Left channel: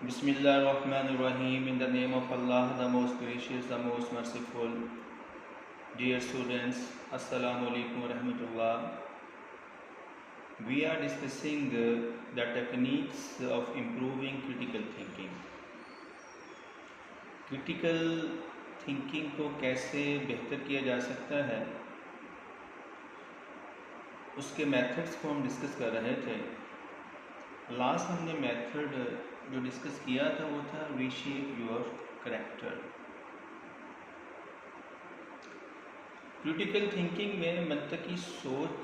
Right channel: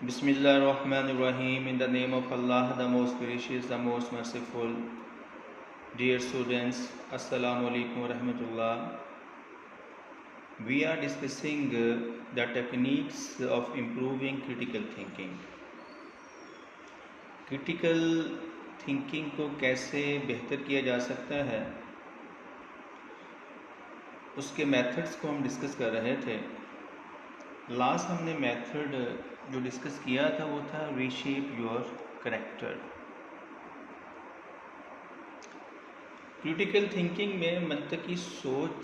Bismillah ar-Rahman ar-Rahim. In the name of Allah, the most gracious, the most merciful. Dear students, Assalamu alaikum wa rahmatullah. We are discussing the techniques of improving critical thinking. Critical thinking کو کیسے بہتر کیا جا سکتا ہے، اس کے methods کو ہم ڈسکس کر رہے تھے۔ لاسٹ ہم نے میتھڈ جو ڈسکس کیا تھا وہ تھا reshape your character. Critical thinking میں منطقی سوچ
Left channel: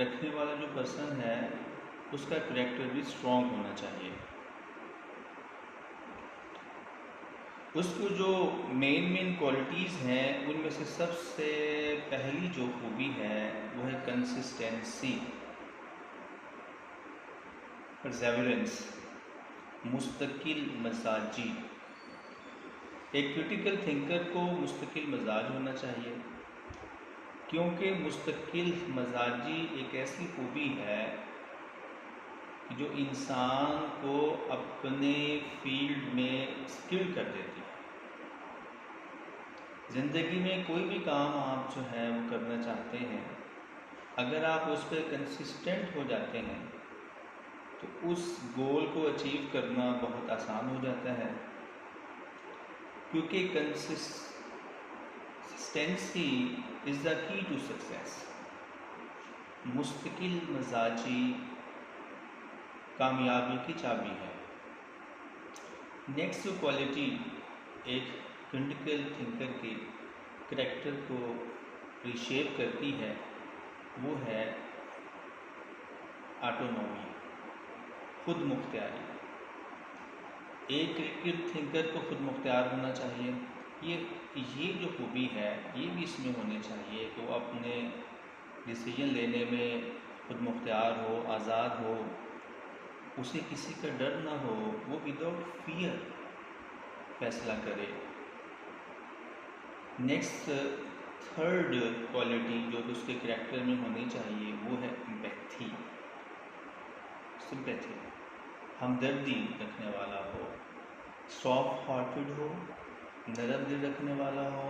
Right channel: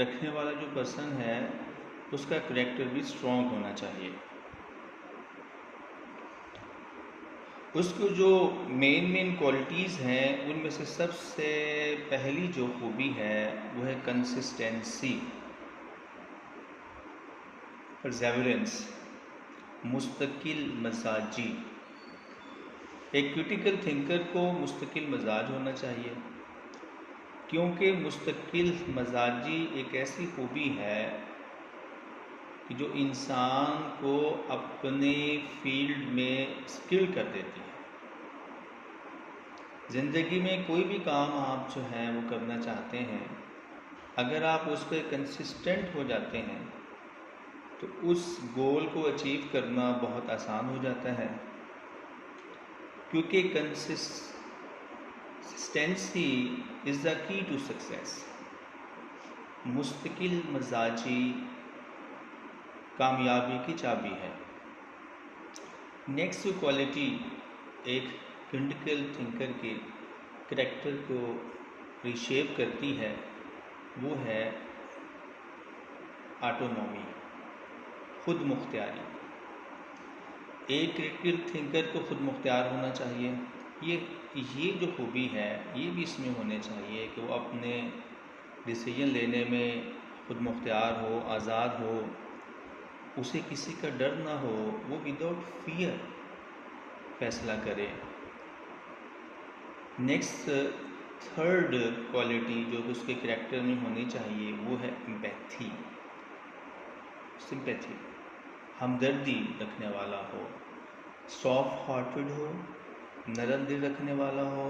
رکھنے والا جو پرسن ہے اس کا کریکٹر بھی اسٹرانگ ہونا چاہیے۔ اس کو جو مین کوالٹیز ہیں ان میں سے سب سے پہلی جو خوبی ہے وہ ہے کنسسٹنسی، پرزیورنس، مستقل مزاجی۔ ایک کریٹیکل تھنکر کو مستقل مزاج ہونا چاہیے، کیونکہ مستقل مزاجی ایک ایسی خوبی ہے کہ جو انسان کو اپنے فیلڈ میں اسکل کر دیتی ہے۔ زندگی میں کوئی بھی کام آپ جو ہے وہ کرنا چاہتے ہیں، اگر آپ اس پہ کنسسٹنٹ ہو جاتے ہیں تو اس گول کو اچیو کرنا بہت آسان ہو جاتا ہے، کیونکہ کنسسٹنسی از دا کی ٹو سکسیس۔ مستقل مزاجی کامیابی کی چابی ہے۔ نیکسٹ کوالٹی ایک کریٹیکل تھنکر کے کریکٹر کو ریشیپ کرتی ہے وہ ہے آٹونومی، خود مختاری۔ ایک کریٹیکل تھنکر کو خود مختار ہونا چاہیے۔ یہ جو خوبی ہے یہ بھی اس میں ہونے چاہیے کہ وہ اپنے ڈیسیجن لینے میں خود مختار ہو، آزاد ہو، اسے کسی کا ڈر نہ ہو، وہ وداؤٹ فیئر فیصلہ کرے۔ نیکسٹ تھرڈ کوالٹی جو اس کے کریکٹر میں ہونی چاہیے وہ ہے امپیتھی، سمپیتھی، ہمدردی رکھنے والا ہو، سافٹ ہارٹڈ ہو، نرم دل رکھنے والا ہو،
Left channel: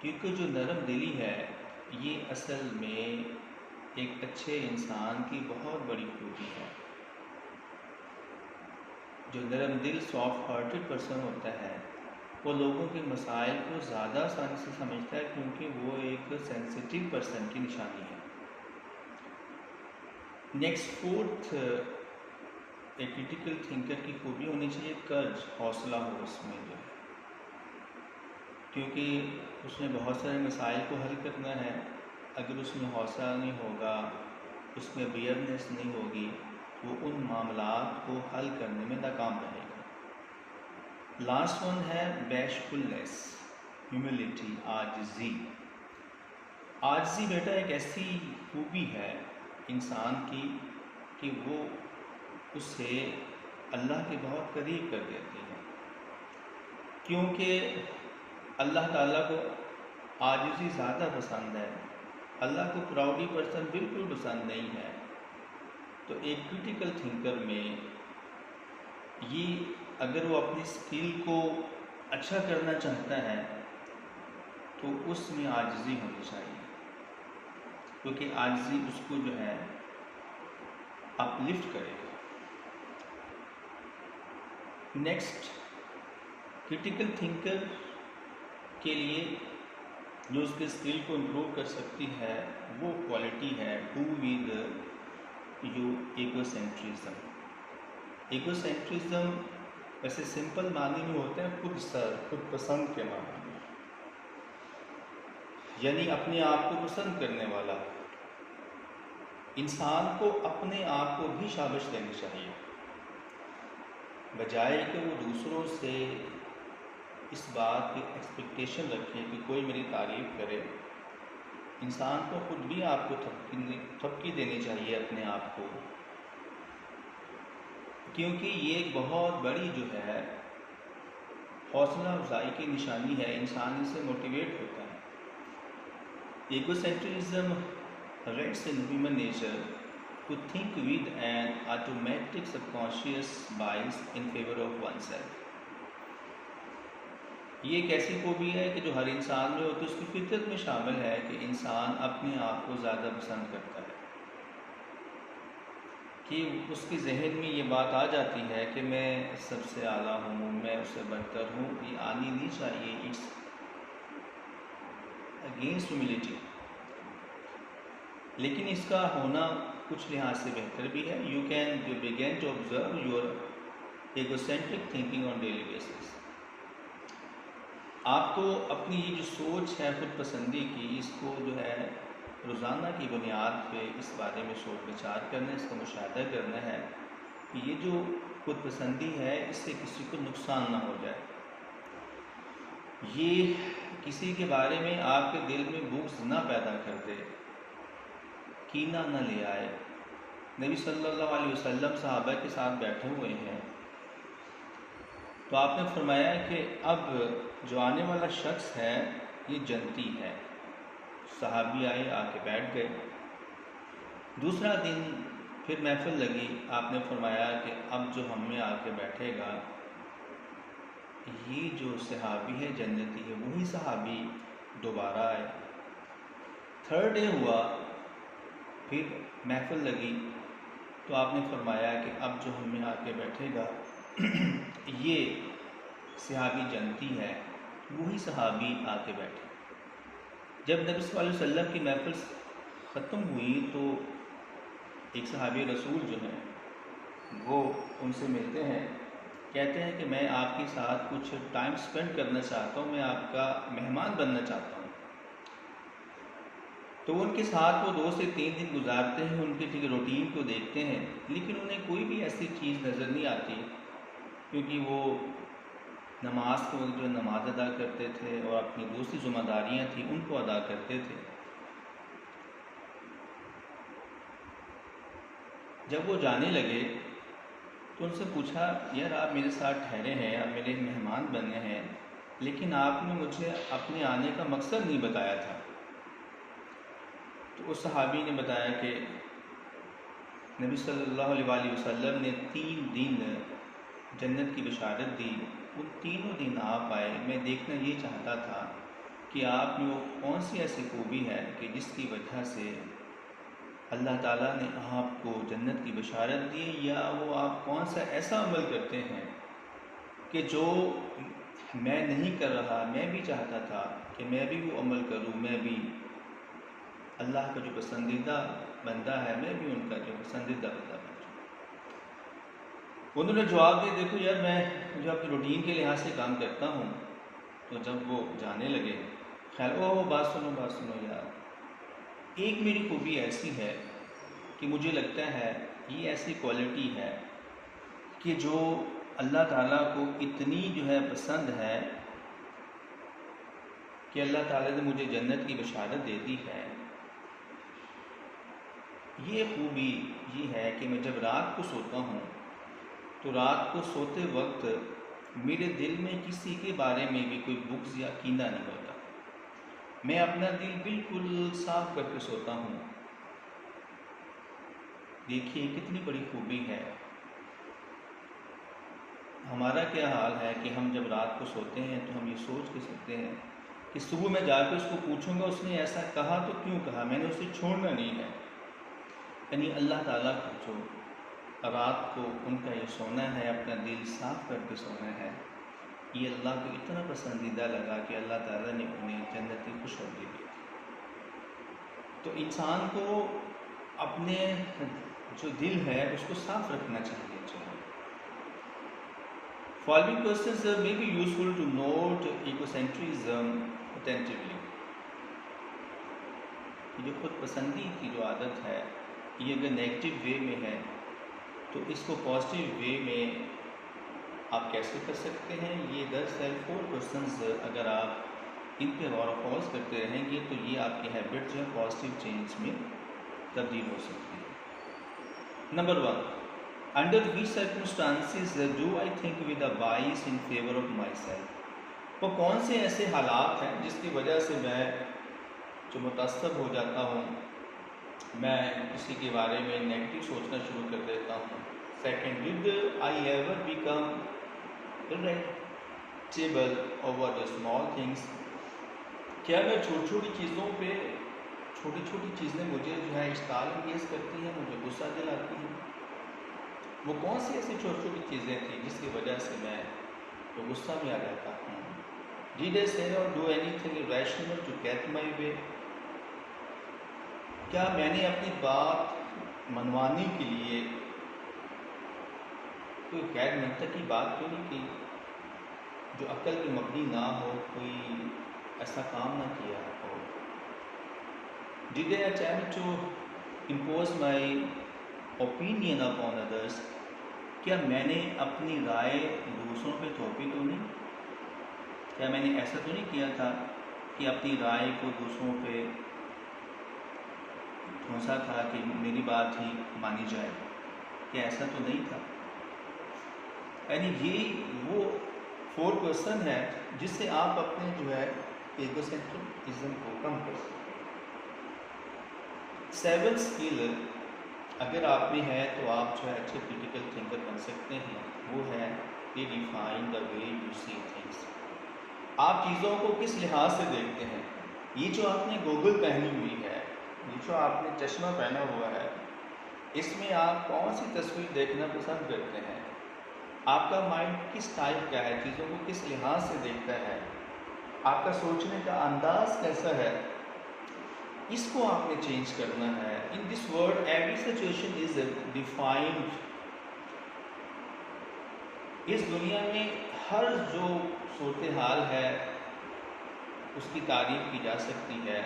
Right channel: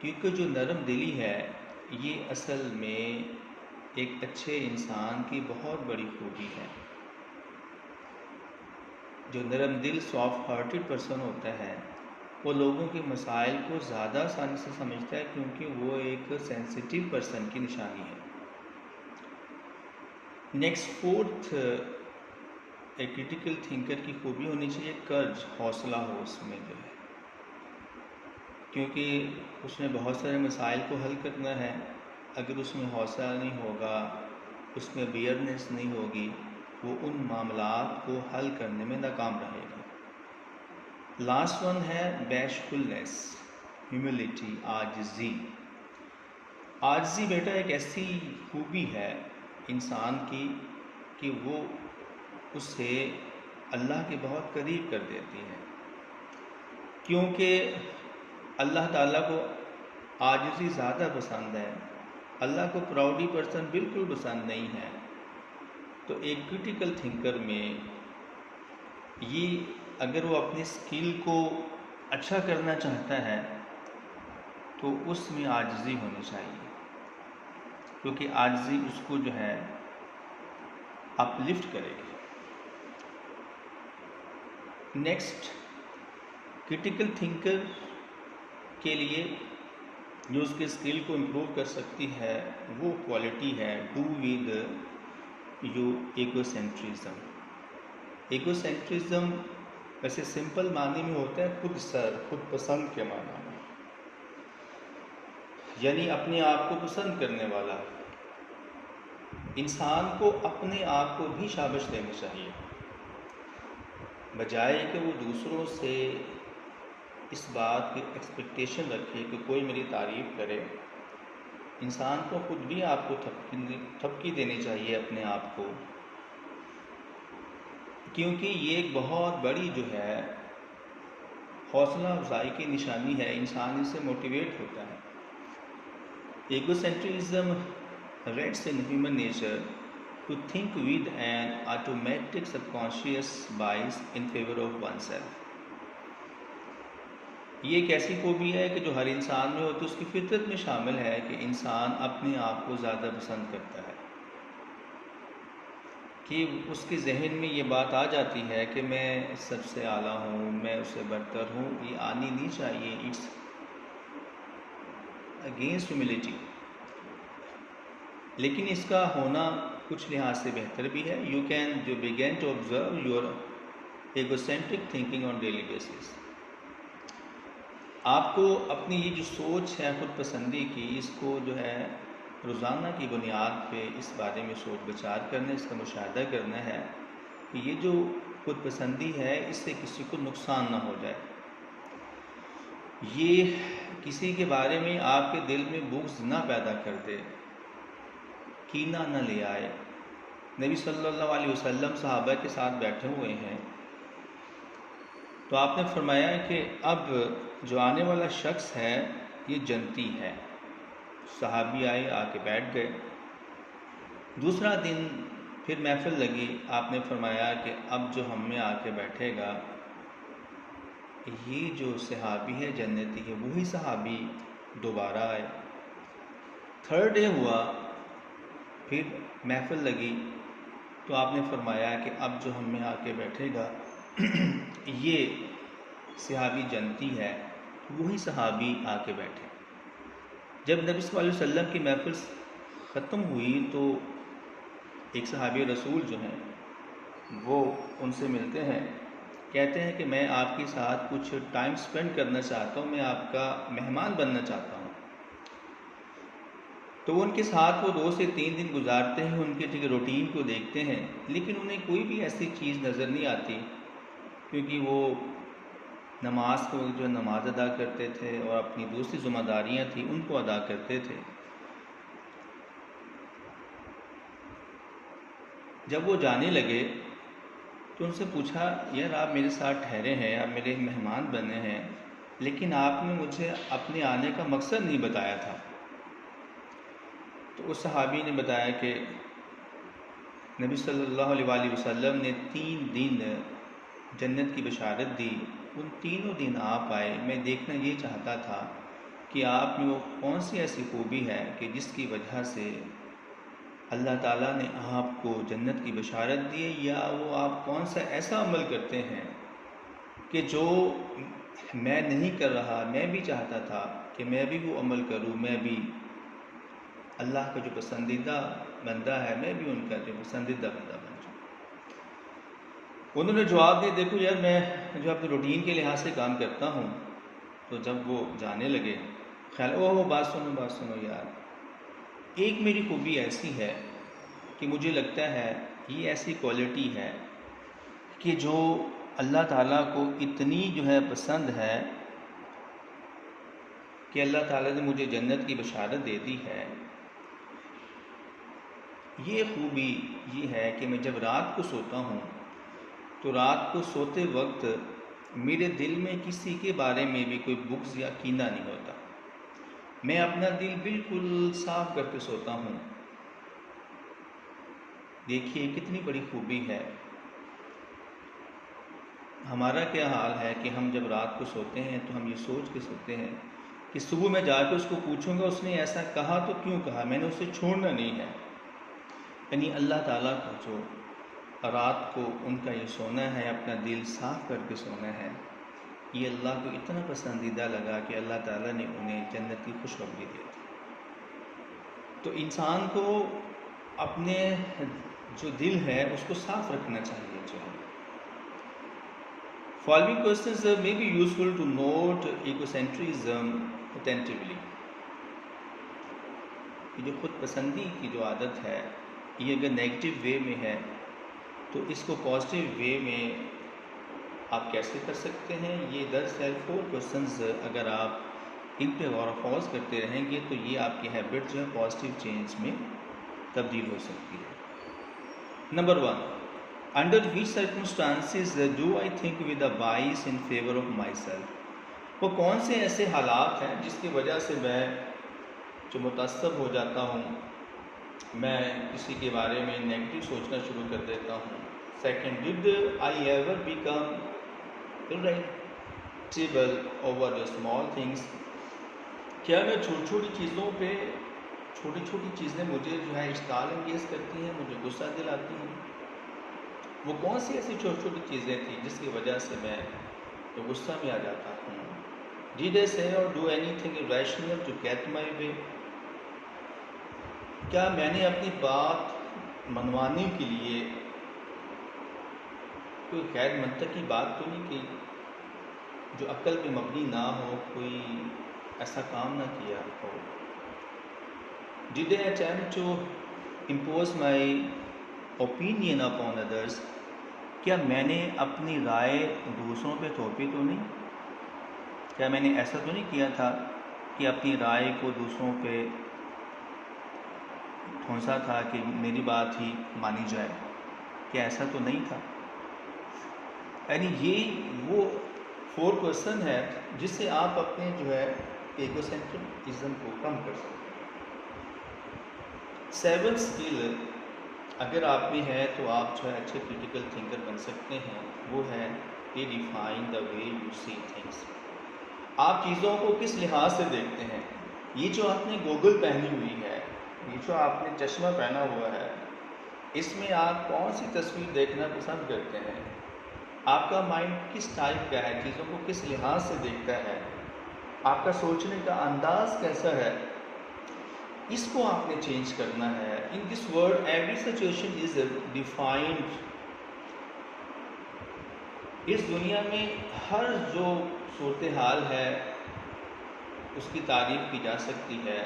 کیونکہ جو نرم دلی ہے یہ اصل میں ایک اچھے انسان کی بہت بڑی خوبی ہے۔ جو نرم دل سافٹ ہارٹڈ پرسن ہوتا ہے وہ لوگوں کے مسائل کو زیادہ آسانی سے سمجھتا ہے، کیونکہ وہ ایک سینسیٹیو پرسن کی نشانی ہے۔ نیکسٹ فورتھ ایک کریٹیکل تھنکر کی خوبی ہونی چاہیے کرج، حوصلہ ہو اس میں جو ہے، کیونکہ اس نے بہت سارے مسائل کو حل کرنا ہے۔ اگر اس میں حوصلہ نہیں ہوگا، اس میں بیئرنیس نہیں ہوگی، وہ ان معاملات کو حل کرنے میں ناکام رہے گا۔ لاسٹ ون ہے بیشفلنس، ہیوملٹی، عاجزی۔ عاجزی بیٹا ایک ایسی خوبی ہے انسان کی کہ وہ اسے اللہ کے بہت قریب کر دیتی ہے، کیونکہ اللہ تعالیٰ کو عاجزی زیادہ پسند ہے، اللہ کو پراؤڈی پرسن بالکل پسند نہیں ہے۔ تو ایک کریٹیکل تھنکر میں یہ اگر وہ اپنی اسکل کو اچھا کرنا چاہتا ہے تو اس میں عاجزی ہونی چاہیے، کیونکہ عاجزی اس کو جو ہے اپ لفٹ کرے گی۔ نیکسٹ کریٹیکل تھنکر کے لیے جو اس کے اسکل کو امپروو کر سکتی ہے وہ کوالٹی ہے do with your egocentrism. Egocentrism ویسے سمپل معنی میں ہوتا ہے خود پسند کے معنی میں، یعنی اپنے آپ کو پسند کرنے والا۔ انسان کو اپنے آپ کو بھی شابش دینی چاہیے، بجائے کہ وہ دوسروں سے اس بات کی ایکسپیکٹیشن رکھے کہ کوئی میری تعریف کرے۔ انسان کو خود بھی آپ کو تھپکی دینی چاہیے اپنے آپ کو، کیونکہ یہ ایک بہت بڑی جو ہے حوصلہ افزائی کی نشانی ہے، انسان اس سے موٹیویٹ ہوتا ہے۔ Egocentrism rates in human nature to think with an automatic subconscious bias in favor of oneself. یہ ایک ایسی خوبی ہے کہ جو ہر انسان میں ہوتی ہے، اس کی فطرت میں شامل ہے کہ انسان اپنے آپ کو زیادہ پسند کرتا ہے، کہ اس کے ذہن میں یہ بات آ جاتی ہے کہ میں سب سے اعلیٰ ہوں، میں اس سے برتر ہوں. یہ آنی نہیں چاہیے. It's against humility. لیکن اس کا ہونا کچھ لحاظ سے بہتر بھی ہے. You can begin to observe your egocentric thinking on daily basis. آپ کو اپنی یہ جو سوچ ہے خود پسندی کی، اس کو جو ہے روزانہ کی بنیاد پہ اس بارے میں سوچ بچار کرنا، اس کا مشاہدہ کرنا ہے کہ یہ جو خود پسندی ہے اس سے کسی کو نقصان نہ ہو جائے، یہ کسی کے بارے میں آپ کے دل میں بغض نہ پیدا کر دے، کینہ نہ لے آئے. نبی صلی اللہ علیہ وسلم صحابہ کے ساتھ بیٹھے ہوئے ہیں تو آپ نے فرمایا کہ اب جو آنے والا شخص ہے یہ جنتی ہے. صحابی آئے، آ کے بیٹھ گئے. دوسرا دن پھر محفل لگی، آپ نے فرمایا کہ اب جو ہم میں آ کے بیٹھے گا یہ جو صحابی ہے جنتی ہے. وہی صحابی دوبارہ آئے. تھرڈ ڈے ہوا، پھر محفل لگی تو آپ نے فرمایا کہ اب جو ہم میں آ کے بیٹھے گا یہ صحابی جنتی ہے. وہی صحابی آ کے بیٹھے. جب نبی صلی اللہ علیہ وسلم کی محفل ختم ہوئی تو ایک صحابی رسول جو ہیں وہ ان سے ملتے ہیں، کہتے ہیں کہ میں آپ کے ساتھ کچھ ٹائم سپینڈ کرنا چاہتا ہوں، میں آپ کا مہمان بننا چاہتا ہوں. تو وہ ان کے ساتھ وہ 2 سے 3 دن گزارتے ہیں، ان کے روٹین کو دیکھتے ہیں، لیکن انہیں کوئی بھی ایسی چیز نظر نہیں آتی، کیونکہ وہ نماز کو جو نماز ادا کرتے تھے اور اپنی دوسری ذمہ داریاں تھیں ان کو ادا کرتے تھے. جب وہ جانے لگے تو ان سے پوچھا، یار آپ میرے ساتھ ٹھہرے ہیں، آپ میرے مہمان بنے ہیں، لیکن آپ نے مجھے اپنے آنے کا مقصد نہیں بتایا تھا. تو اس صحابی نے بتایا کہ نبی صلی اللہ علیہ وآلہ وسلم نے 3 دن جنت کی بشارت دی، ان تینوں دن آپ آئے. میں دیکھنا یہ چاہتا تھا کہ آپ میں وہ کون سی ایسی خوبی ہے کہ جس کی وجہ سے اللہ تعالیٰ نے آپ کو جنت کی بشارت دی، یا وہ آپ کون سا ایسا عمل کرتے ہیں کہ جو میں نہیں کر رہا، میں بھی چاہتا تھا کہ میں بھی وہ عمل کروں، میں بھی اللہ کا جو پسندیدہ بندہ ہے، میں بھی ان کا جو پسندیدہ بندہ بن جاؤں. انہوں نے جواب دیا، دیکھو یار میں جو اپنی روٹین کے لحاظ سے کام کرتا ہوں. تو جب وہ جانے لگے، خیال وہ بات سنو یار، ایک میری خوبی ایسی ہے کہ مجھے لگتا ہے یہ ایسی کوالٹی ہے کہ جو اللہ تعالیٰ کو اتنی جو ہے پسند ہے کہ اللہ تعالیٰ نے مجھے جنت کی بشارت دے دی ہے. یہ خوبی یہ ہے کہ میں جب رات کو سوتا ہوں تو رات کو سوتے وقت میرے دل میں کسی کے بارے میں بھی کوئی بغض یا کینہ نہیں ہوتا. میں اپنا دل بالکل صاف کر کے سوتا ہوں. دیکھیے کتنی بڑی خوبی ہے. ہمارا کیا حال ہے کہ ہم جب رات کو سوتے ہیں تو ہم یہ سوچ کے سوتے ہیں کہ صبح میں جا کے اس کو پوچھوں گا اس نے ایسا کہا تو کیوں کہا، میں نے اسے چھوڑنا نہیں ہے. یعنی اللہ تعالیٰ کو جو رات کو ان کا یہ سونا ہے، اپنا دل صاف کر کے سونا ہے، یہ اللہ کو اتنا پسندیدہ لگا کہ اللہ تعالیٰ نے انہیں جنت کی خوشخبری دی تھی. تو انسان کو اپنے جو دل ہے اس کو صاف رکھنا چاہیے. Following questions may be useful to note egocentrism attentively. یہ جو خود پسندی کی جو عادت ہے یہ اگر نیگیٹو وے میں ہے تو اس کو پازیٹیو وے میں آپ کیسے کر سکتے ہیں. یہ دراصل 4 کوشچنز اگر آپ ان پہ غور و خوض کرتے رہیں گے تو یہ آپ کی ہیبٹ جو ہے پازیٹیو چینج میں تبدیل ہو سکتی ہے. Number 1، under which circumstances do I think with a bias in favor of myself. وہ کون سے ایسے حالات ہیں جس کی وجہ سے میں جو متعصب ہو جاتا ہوں میں کسی کے بارے میں نیگیٹو سوچنا شروع کر دیتا ہوں. Second, did I ever become irritable over the small things. کیا میں چھوٹی چھوٹی چیزوں پہ چھوٹی چھوٹی چیزیں مجھے جو ہے اشتعال انگیز کرتی ہیں, مجھے غصہ دلاتی ہیں؟ وہ کون سی ایسی چھوٹی چھوٹی چیزیں تھیں جس کی وجہ سے میں غصہ میں آ جاتا ہوں؟ Did I say or do anything irrational to get my way? کیا میں نے اپنی بات منوانے کے لیے کوئی غیر منطقی بات تو نہیں کی, جو عقل پہ مبنی نہ ہو, کوئی ایسا کام نہ کیا ہو؟ Did I attempt to impose my opinion upon others? کیا میں نے اپنی رائے دوسروں پہ تھوپی تو نہیں؟ کیا میں نے ایسا تو نہیں کیا تھا کہ اپنی رائے کو دوسروں پہ ٹھونسا تھا کہ میری بات ہی مانی جائے؟ کیا ایسا تو نہیں تھا؟ یعنی یہ وہ 4% ہے جس سے آپ اپنے جو ہے ایگو سینٹرزم کو کم کر سکتے ہیں. 7 اسکل اگر آپ میں ہے تو آپ جو ہے اچھے کریٹیکل تھنکر بن سکتے ہیں. وہ ہے redefine the way you see things. آپ چیزوں کو کس لحاظ سے دیکھتے ہیں؟ یہ جو آپ نے گوگل پہنی ہوئی ہے, یہ جو آپ نے چشمہ پہنا ہوا ہے, اس میں آپ کون سی تصویر دیکھنا پسند کرتے ہیں؟ آپ کا مائنڈ کس ٹائپ کا ہے, چیزوں کو کس لحاظ سے دیکھتا ہے, آپ کا سوچنے کا انداز کیسا ہے؟ اس کو آپ نے چینج کرنا ہے. In this world every situation is defined. اس دنیا میں ہر جو صورتحال ہے اس کی تعریف کی جا سکتی ہے.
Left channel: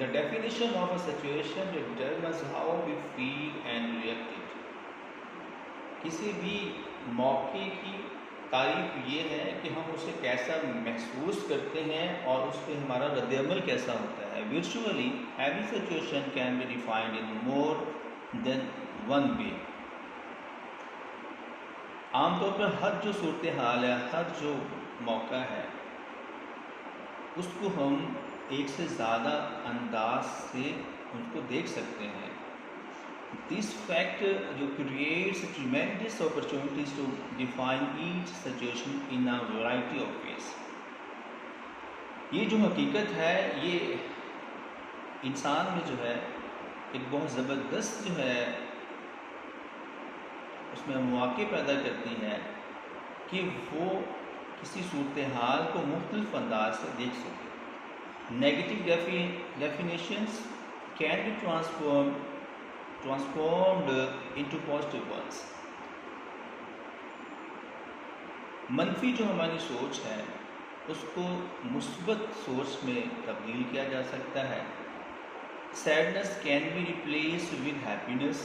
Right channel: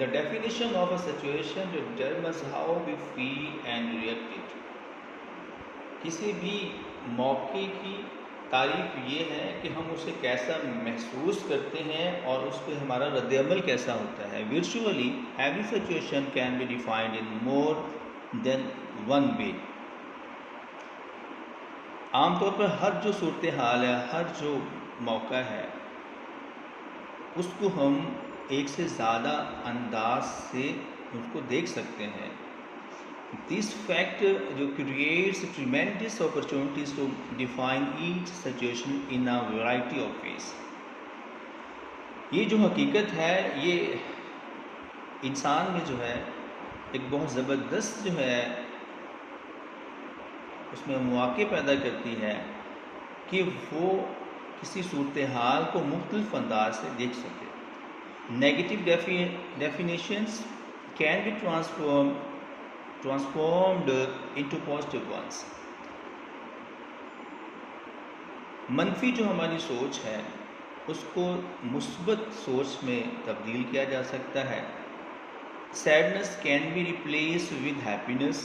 The definition of a situation determines how we feel and react it. کسی بھی موقع کی تعریف یہ ہے کہ ہم اسے کیسا محسوس کرتے ہیں اور اس پہ ہمارا رد عمل کیسا ہوتا ہے. Virtually every situation can be defined in more than one way. عام طور پر ہر جو صورتحال ہے, ہر جو موقع ہے, اس کو ہم ایک سے زیادہ انداز سے اس کو دیکھ سکتے ہیں. This fact جو creates tremendous opportunities to define each situation in a variety of ways. یہ جو حقیقت ہے یہ انسان میں جو ہے ایک بہت زبردست جو ہے اس میں مواقع پیدا کرتی ہے کہ وہ کسی صورتحال کو مختلف انداز سے دیکھ سکے. Negative definitions can be transformed into positive ones. منفی جو ہماری سوچ ہے اس کو مثبت سوچ میں تبدیل کیا جا سکتا ہے. Sadness can be replaced with happiness.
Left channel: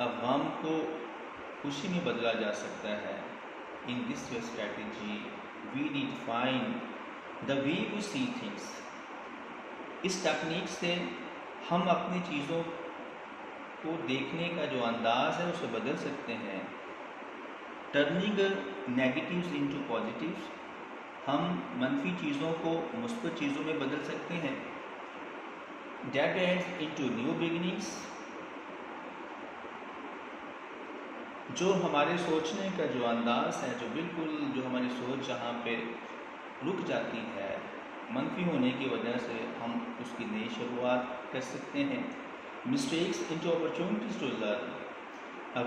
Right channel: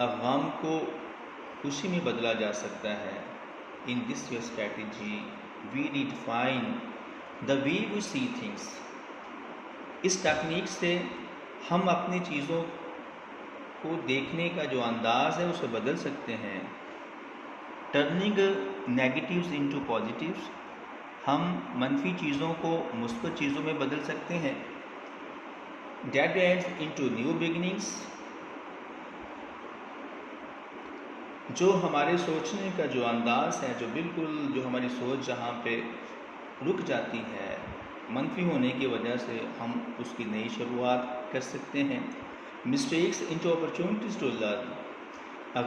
غم کو خوشی میں بدلا جا سکتا ہے. In this strategy we redefine the way we see things. اس ٹیکنیک سے ہم اپنی چیزوں کو دیکھنے کا جو انداز ہے اسے بدل سکتے ہیں. Turning negatives into positives. ہم منفی چیزوں کو مثبت چیزوں میں بدل سکتے ہیں. Dead ends into new beginnings. جو ہمارے سوچنے کا جو انداز ہے, جو بالکل جو ہماری سوچ جہاں پہ رک جاتی ہے منفی ہونے کی وجہ سے, ہم اس کی نئی شروعات کر سکتے ہیں. Mistakes into opportunities to learn.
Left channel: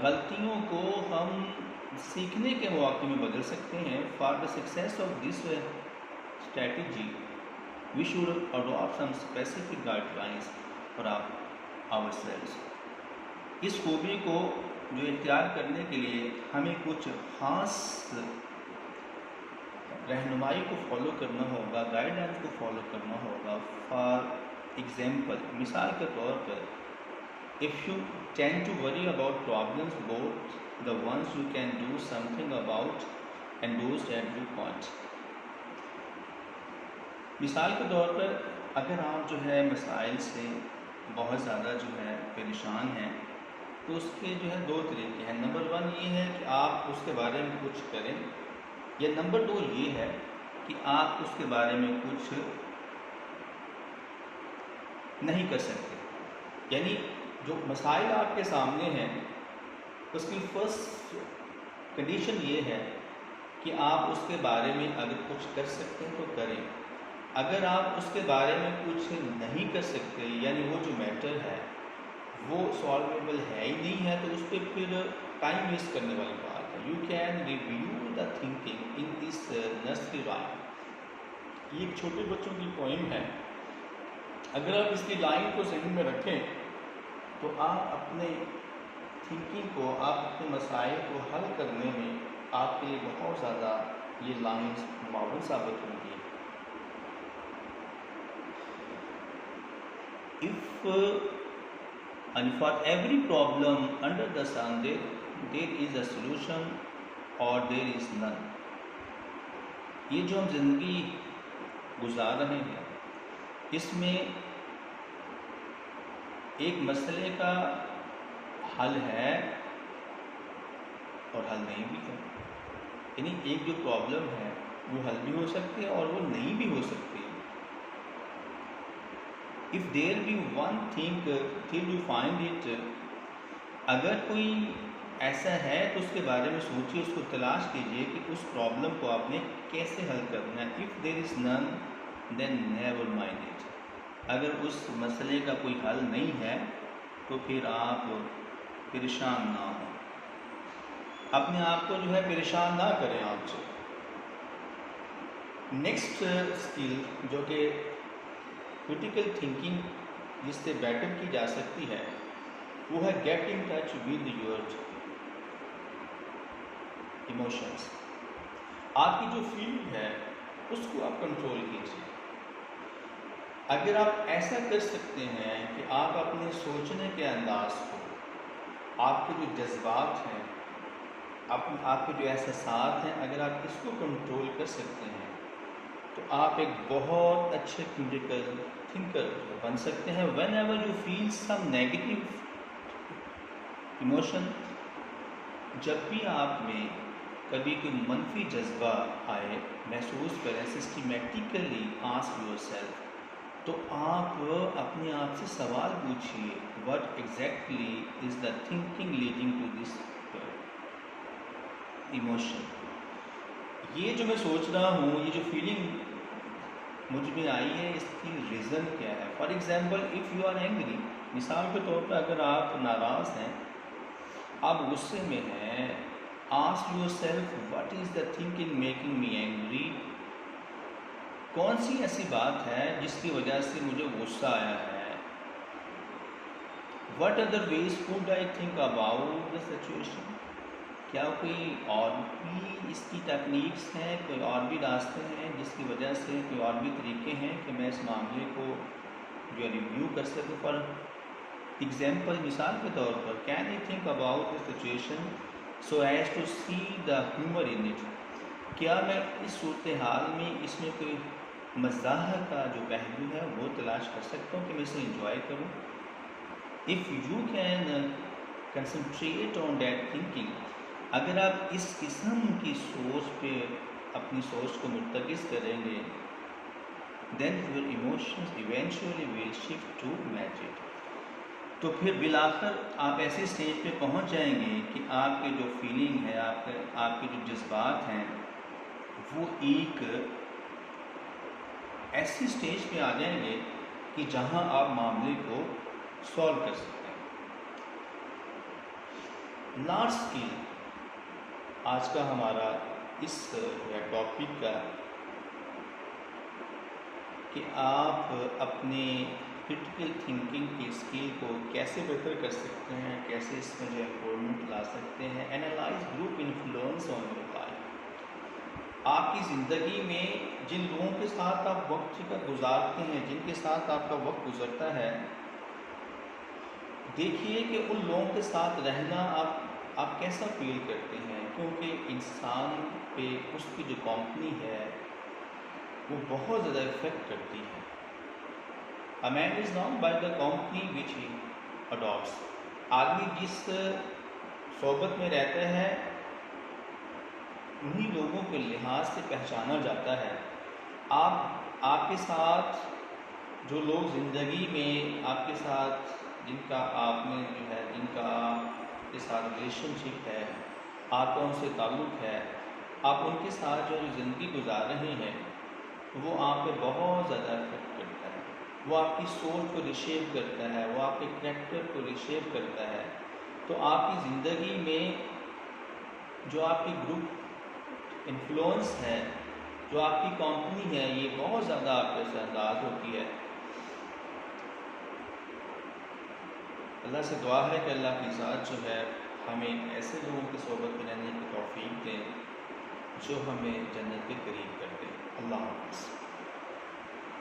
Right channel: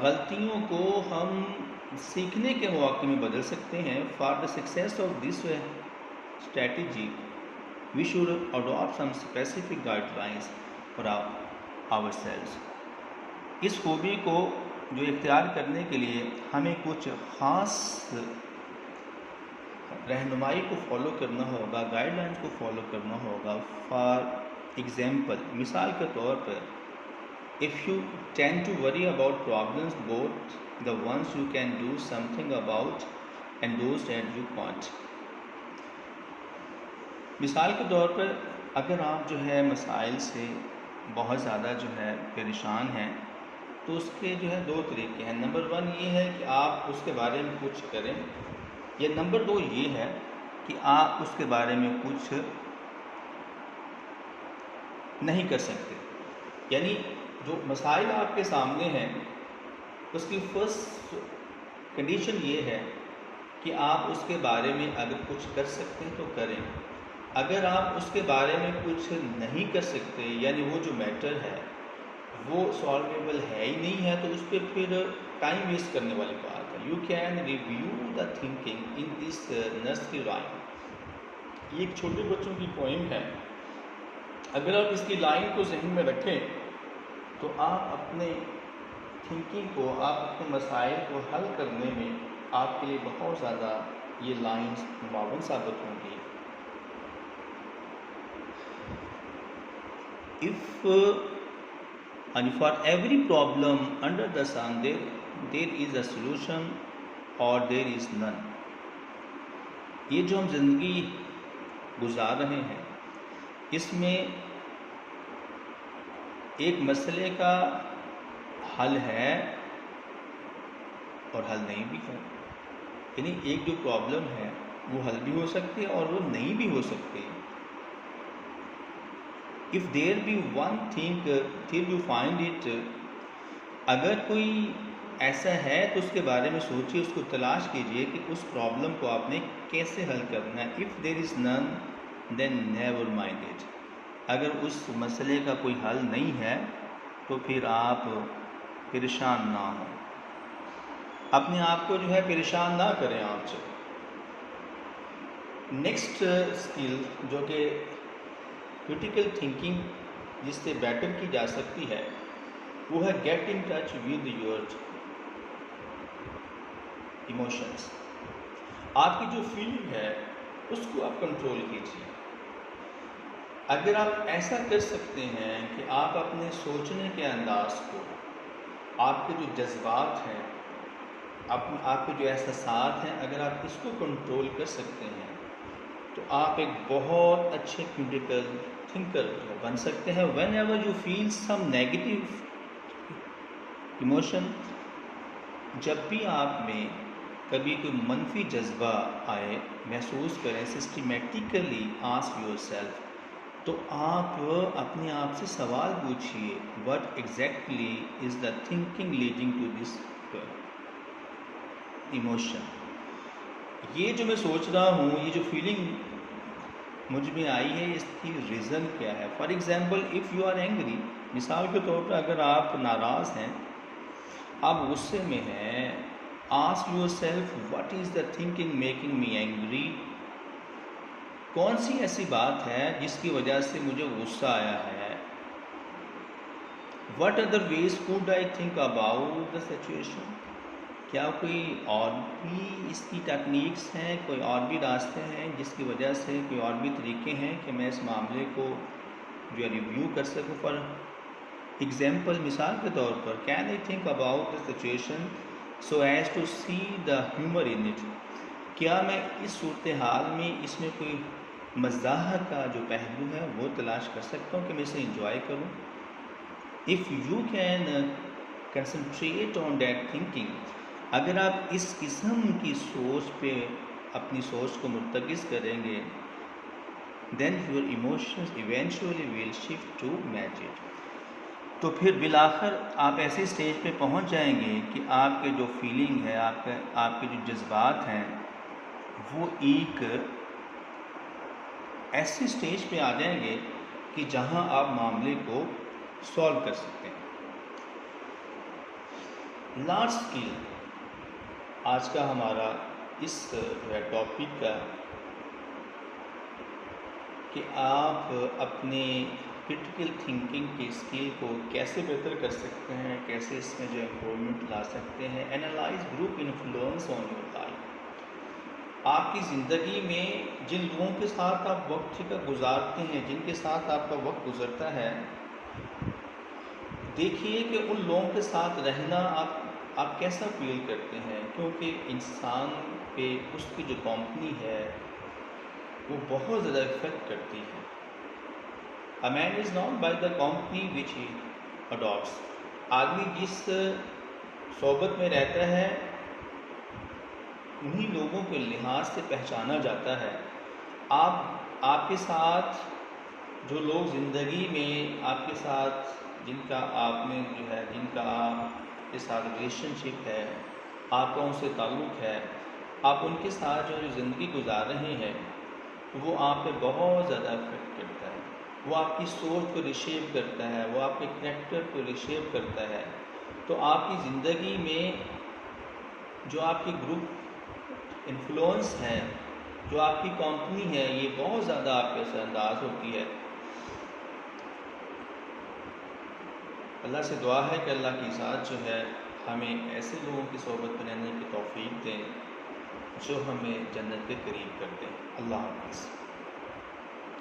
غلطیوں کو ہم سیکھنے کے مواقع میں بدل سکتے ہیں. For the success of this strategy we should adopt some specific guidelines for ourselves. اس خوبی کو جو اختیار کرنے کے لیے ہمیں کچھ خاص رہنمائی کو فالو کرنا ہوگا, گائیڈ لائنس کو فالو کرنا ہوگا. فار ایگزامپل, مثال کے طور پر, if you tend to worry about problems, both the ones you can do something about and those that you can't. مثال کے طور پر اگر آپ جو ہے مسائل سے بہت زیادہ جو ہے پریشان ہیں تو اس کے جو ہے 2 طریقے ہیں. نمبر 1 یہ ہے کہ آپ اس کے بارے میں کچھ کریں, یا نمبر 2 یہ ہے کہ آپ اس کے بارے میں کچھ نہیں کر سکتے. یعنی جو مسائل آپ کے سامنے ہیں اس کی فرسٹ کنڈیشن یہ ہے کہ آپ اس کے بارے میں اگر کچھ کر سکتے ہیں تو کریں. اگر آپ اس کے بارے میں کچھ نہیں کر سکتے یعنی وہ جو میٹر ہے وہ سالویبل ہے ہی نہیں ہے تو اس پہ پھر ٹائم ویسٹ کرنے والی بات ہے. You can review the thinking in this nursery rhyme. یہ ایک چھوٹے بچوں کی پوئم ہے. اگر آپ اس کی لائن کو ذہن میں رکھیں تو آپ اپنے تھنکنگ کو آپ اپنے مسائل کو حل کرنے میں آپ کے لیے بہت زیادہ یہ لائنز معاون ثابت ہوں گی. And for every problem under the sun there is a solution or there is none. یہ جو ہم زندگی گزار رہے ہیں اس میں ایک مسئلے کا حل ہے اور حل نہیں بھی ہے. یعنی ایک جو پرابلم ہے وہ حل بھی ہو سکتی ہے اور وہ نہیں بھی ہو سکتی. if there be one thing till you find it, اگر کوئی ایسا ہے تو اس کے بارے میں سوچیے, اس کو تلاش کیجئے کہ اس پرابلم کو آپ نے کیسے حل کرنا ہے. if there is none then never mind it. اگر اس مسئلے کا کوئی حل نہیں ہے تو پھر آپ پریشان نہ ہوں, اپنے آپ کو جو ہے پریشان نہ کریں آپ سے. نیکسٹ اسکل جو کہ کریٹیکل تھنکنگ جس سے بیٹر کی جا سکتی ہے وہ ہے get in touch with your emotions. آپ کی جو فیلنگ ہے اس کو آپ کنٹرول کیجیے. اگر آپ ایسا کر سکتے ہیں کہ آپ اپنے سوچنے کے انداز کو, آپ کے جو جذبات ہیں, آپ کے جو احساسات ہیں, اگر آپ اس کو کنٹرول کر سکتے ہیں تو آپ ایک بہت اچھے کریٹیکل تھنکر بن سکتے ہیں. Whenever you feel some negative emotion, جب بھی آپ میں کبھی کوئی منفی جذبہ آئے محسوس کریں, سسٹمیٹیکلی آسک یور سیلف, تو آپ اپنے آپ سے سوال پوچھئے what exactly is the thinking leading to this emotion. یہ جو میں سوچ رہا ہوں, یہ جو فیلنگ مجھ میں آئی ہے, اس کی ریزن کیا ہے. For example if you are angry, مثال کے طور پر اگر آپ ناراض ہیں, آپ غصے میں ہیں, ask yourself what is the thinking making me angry. کون سی ایسی بات ہے جس کی وجہ سے مجھے غصہ آیا ہے. what other ways could I think about the situation. کیا کوئی اور بھی اس کی ٹیکنیکس ہیں, کوئی اور بھی راستے ہیں جس کی وجہ سے, کوئی اور بھی طریقے ہیں کہ میں اس معاملے کو جو ہے ریویو کر سکوں. فار ایگزامپل, مثال کے طور پر, can I think about the situation so as to see the humour in it. کیا میں اس صورتحال میں اس میں کوئی مزاح کا جو پہلو ہے وہ تلاش کر سکتا ہوں کہ میں اسے انجوائے کروں. If you can concentrate on that thinking, اگر آپ اس قسم کی سوچ پہ اپنی سوچ کو مرتکز کریں گے, then your emotions eventually will shift to match it. تو پھر بالآخر آپ ایسے اسٹیج پہ پہنچ جائیں گے کہ آپ کے جو فیلنگ ہے, آپ کے جو جذبات ہیں, وہ ایک ایسی اسٹیج پہ آ جائیں گے کہ جہاں آپ معاملے کو سولو کر سکتے ہیں. لاسٹ اسکل آج کا ہمارا اس ٹاپک کا, کہ آپ اپنے کریٹیکل تھنکنگ کی اسکل کو کیسے بہتر کر سکتے ہیں, کیسے اس میں جو امپرومنٹ لا سکتے ہیں. Analyse group influence on your life. آپ کی زندگی میں جن لوگوں کے ساتھ آپ وقت کا گزارتے ہیں, جن کے ساتھ آپ کا وقت گزرتا ہے, دیکھیے کہ ان لوگوں کے ساتھ رہنا آپ کیسا فیل کرتے ہیں. کیونکہ انسان پہ اس کی جو کمپنی ہے وہ بہت زیادہ افیکٹ کرتی ہے. A man is known by the company which he adopts. آدمی جس صحبت میں رہتا ہے انہی لوگوں کے لحاظ سے پہچانا جاتا ہے. آپ کے ساتھ جو لوگ زندگی میں آپ کے ساتھ جن کا آپ نے جو ہے جن کا آپ کے ساتھ ریلیشن شپ ہے، آپ کا ان سے تعلق ہے، آپ ان کے ساتھ جو زندگی گزار رہے ہیں، وہ آپ پہ بہت زیادہ افیکٹ کرتا ہے، وہ آپ کی سوچ کو ریشیپ کرتا ہے، وہ آپ کے کریکٹر کو ریشیپ کرتا ہے۔ تو آپ کی زندگی میں جو آپ کی گروپ انفلوئنس ہے، جو آپ کی کمپنی ہے، یہ بہت زیادہ آپ پہ اثر انداز ہوتی ہے۔ اللہ سے دعا ہے کہ اللہ کی ذات جو ہے ہمیں ایسے لوگوں کی صحبت میں رہنے کی توفیق دیں جو ہمیں جنت کے قریب کر دیں۔ اللہ حافظ۔